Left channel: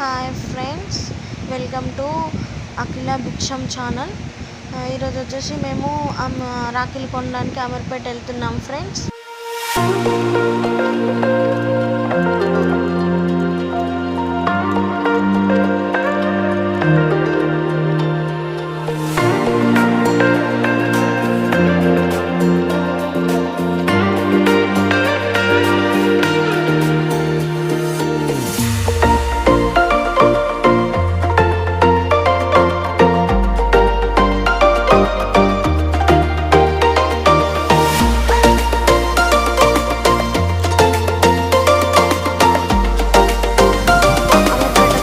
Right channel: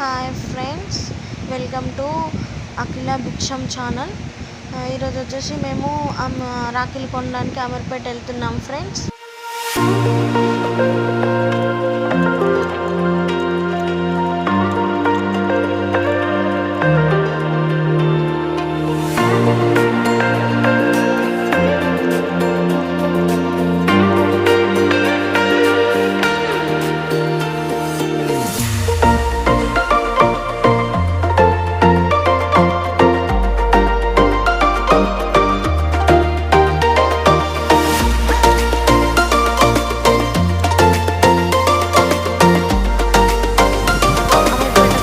Hi friends, welcome to అఖిల భిక్షం ఛానల్. ఈరోజు వచ్చేసి మేము రాఖీలు కొనడానికి అమీర్పేట వెళ్తున్నాం ఫ్రెండ్స్.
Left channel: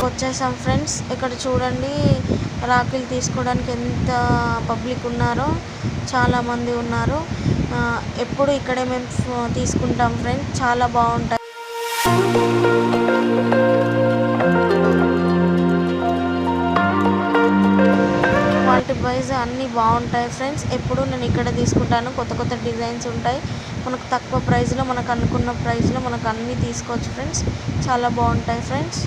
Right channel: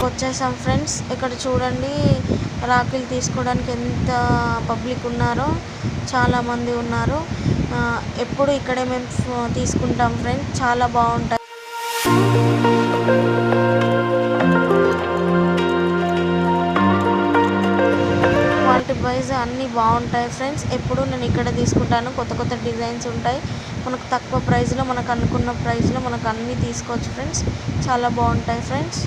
వచ్చేసాం ఫ్రెండ్స్. ఇక్కడ చూడండి, రాఖీలు తీసుకోవడానికి ఎంత పబ్లిక్ ఉన్నారో, చాలామంది ఉన్నారు. ఎప్పుడు ఇక్కడే మేము తీసుకుంటాం ఫ్రెండ్స్, చాలా బాగుంటాయి. క్వాలిటీ వైజ్ అన్నీ బాగుంటాయి ఫ్రెండ్స్. ఎప్పుడు నేను ఇక్కడ తీసుకుంటాను. కొత్త కొత్త డిజైన్స్ ఉంటాయి. మనకు తక్కువ ప్రైస్లో, మనకు అనుకున్న ప్రైస్లో మనకు అన్నీ తీసుకోవచ్చు ఫ్రెండ్స్. చాలా బాగుంటాయి ఫ్రెండ్స్.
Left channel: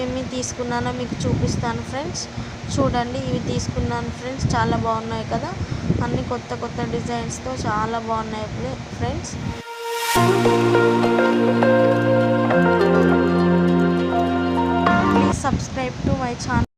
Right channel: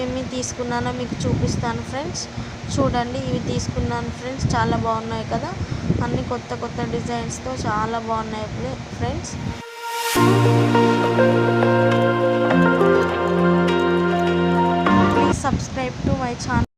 ఏమి తీసుకున్నానో మీకు చూపిస్తాను ఫ్రెండ్స్. చూడండి, ఇవి తీసుకున్నాను ఫ్రెండ్స్. చాలా బాగున్నాయి కదా, అన్ని కొత్త కొత్త డిజైన్స్తో చాలా బాగున్నాయి friends. Please subscribe to my channel.